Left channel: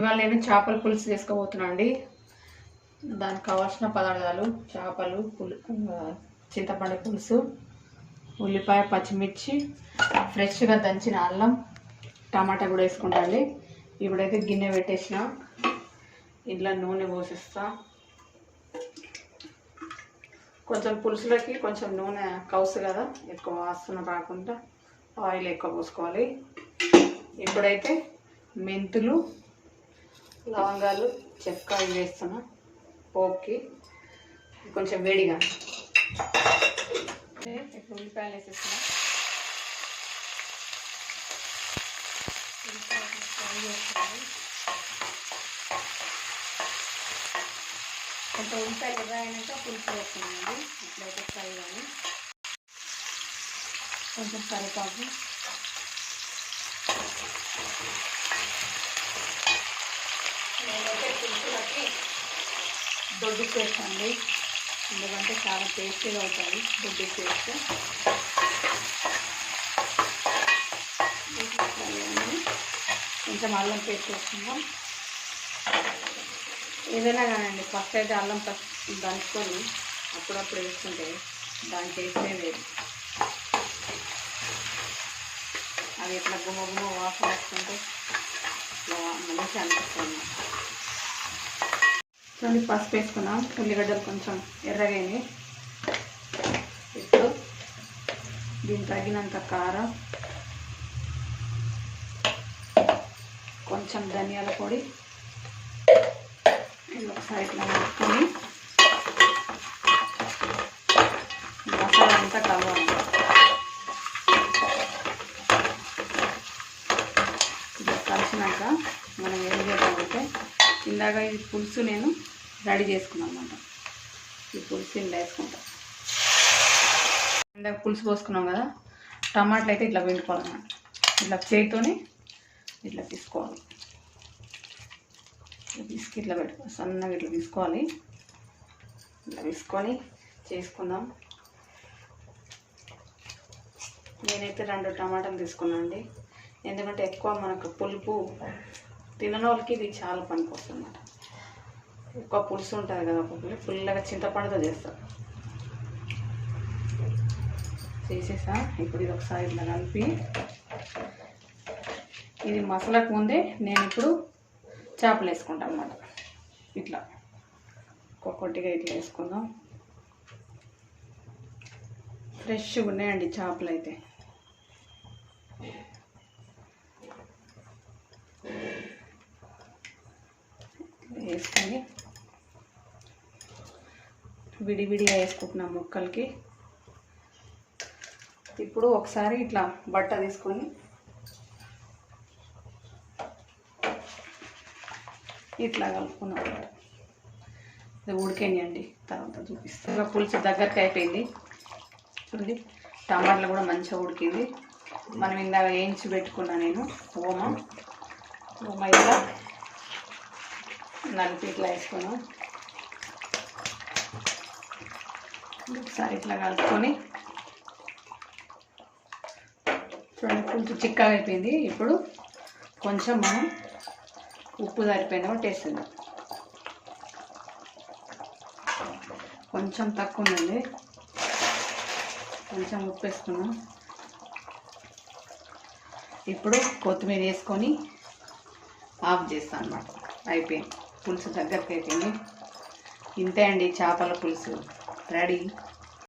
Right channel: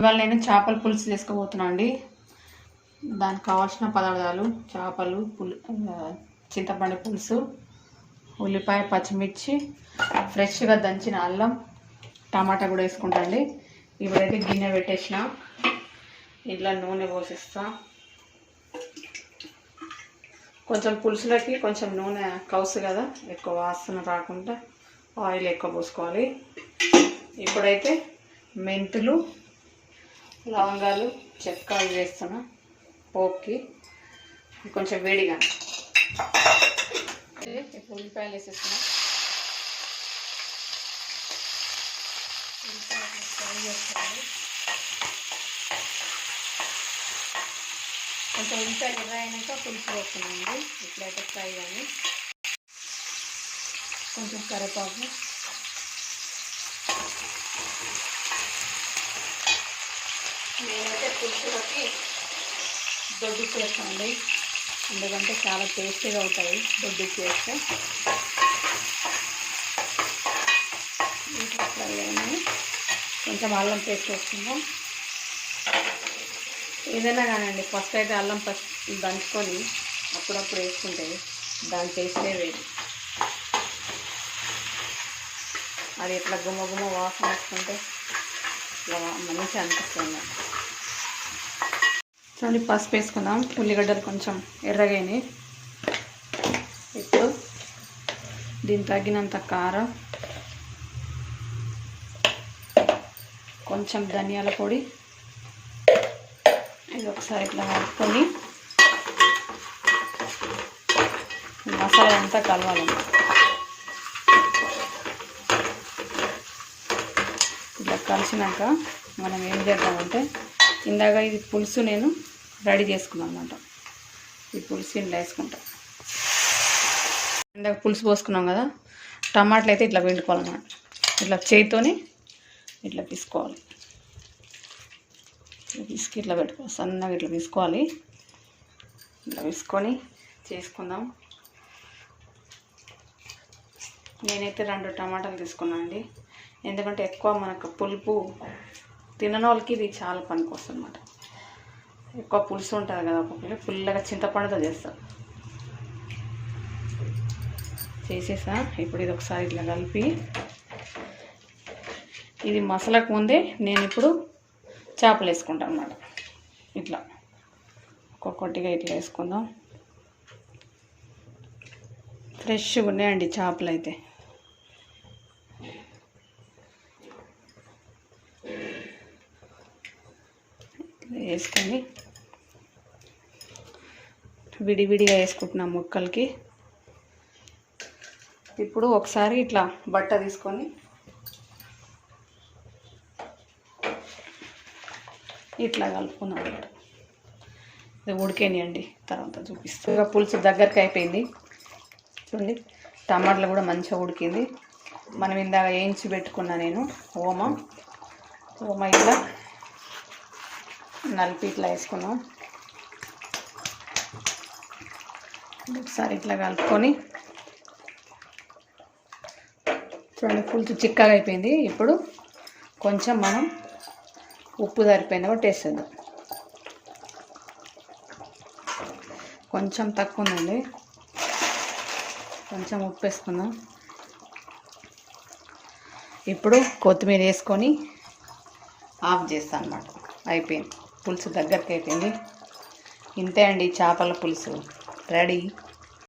ఇవాళ నేను చేపల పులుసు చేసుకోబోతున్నా అండి. దానికి కావాల్సిన పదార్థాలు చేపలు, చింతపండు పులుసు, ఉల్లిపాయ, పచ్చిమిర్చి, ఫ్రెష్గా దంచిన అల్లం, టమాటా కూడా వేసుకుంటా అండి. ఇప్పుడైతే గిన్నె పెట్టేసిన ఇట్లా నూనె పోసిస్తా. కొంచెం పులుసులకి కొంచెం నూనె కౌసు కదా, ఎక్కువ వాసన రాకుండా ఆయిల్ ఎక్కువ పోసుకోవాలి. ఇప్పుడైతే మెంతులు, లవంగాలు, చెక్క ఇవి వేస్తున్నా పోపుకి. కొంచెం వేడిగా ఇప్పుడు ఉల్లిపాయలు వేసేస్తున్నా. కొంచెం ఉల్లిపాయలు ఎర్ర అయినాక పులుసు వేస్తున్నానండి. ఇట్లయితే ఫ్రై కానీ కొంచెం కరివేపాకు, నేనైతే పులుసులకి దొడ్డు చేస్తానండి, ఎందుకంటే చాలా టేస్టీగా అవుతాయి దొడ్డు చేస్తే. కొంచెం అల్లం పేస్ట్ వేసుకుందాం. ఏదైనా కానండి, ఫస్ట్ అయితే అల్లం ఫస్ట్ దంచుకొని అప్పుడప్పుడు వేసుకుంటే దాని టేస్టే వేరు. అది ఇట్లా గుమ్మ గుమ్మ వాసన వేసుకుంటే ఇట్లా మంచిగా అనిపిస్తుంది. చూడండి, పసుపు వేసుకుందాం. ఉల్లిగడ్డలు కొంచెం ఎర్రగానే. ఇప్పుడు దీనికి తగినంత కారం, కొంచెం ధనియాల పొడి, ఇది ఒకసారి ఇట్లా కలుపుకొని మసాలా అంతా కలవాలి. ఇట్లా కలిసినాక మనం ఏం చేద్దామంటే, ఇందాక ఇది పులుసు నేను రెడీ చేసుకున్నాను అన్నమాట. ఈ పులుసు ఇంట్లో వేసుకుంటాం. ఇందాక పులుసు పోసుకున్నాం కదా, టమాటాలు అయితే ఇట్లా పిండుకోవాలన్నమాట. ఇట్లా చేతితోని ఇట్లా తీసుకోవాలి. పిసికి ఇట్లా పెట్టుకోవాలి, సన్నగా ఇట్లా తీసుకోవాలి. ఇట్లా తీసుకొని చేసుకుందాం. నేనైతే 2 టమాటాలు తీసుకున్నాను అండి, ఎందుకంటే ఎక్కువ మనకు పులుపు తినని వాళ్ళకి ఇది చాలా పనికి వస్తుంది అన్నమాట. ఎక్కువ పులుసు ఉంటుంది కదా, ఒక్కొక్కరు ఫుల్గా చింతపండుతో చేస్తారు. చేసేసా. ఇప్పుడు ఇది ఒకసారి ఇట్లా కలిపి, ఇది మసాలాకు ముందే నేను ఇప్పుడు చేపలు వేసుకుంటాను అన్నమాట. ఇట్లా ఒక్కొక్కటిగా ఇట్లా వేసుకుందాం. ఫ్రెష్గా ఉన్నాయండి చేపలు అయితే. వేసుకొని విడివిడిగా వేసుకుంటున్నాం ముక్కలకి. ఇప్పుడు ఒకసారి ఇట్లా బట్ట తీసుకొని ఇట్లా కలుపుకున్నాం. ఇది ఉడికేనియండి, తర్వాత చూపిస్తాను. ఇంకా పులుసు దగ్గరికి అయిపోయింది చూడండి. టమాటాలు కూడా మంచిగా ఉడికింది. మనం ఇందాక వేయించి పెట్టుకున్నా నేను ఓమ ఇట్లా నలిపి ఇట్లా వేసుకున్నాం. ఒకసారి ఇట్లా కలుపుకొని చూడండి, పులుసు చిక్కగా అయిపోయింది. ఇప్పుడు కొంచెం మనం ఉప్పు సరిపోయిందో టేస్ట్ చేద్దాం. కొంచెం తక్కువ ఉందండి, కొంచెం ఉప్పు వేసుకుందాం. ఇప్పుడు కొత్తిమీర వేసుకొని ఆఫ్ చేస్తాను అన్నమాట. అయిపోయింది, పులుసు దగ్గరికి అయిపోయింది. ఇంతే అండి, చేపల పులుసు రెడీ.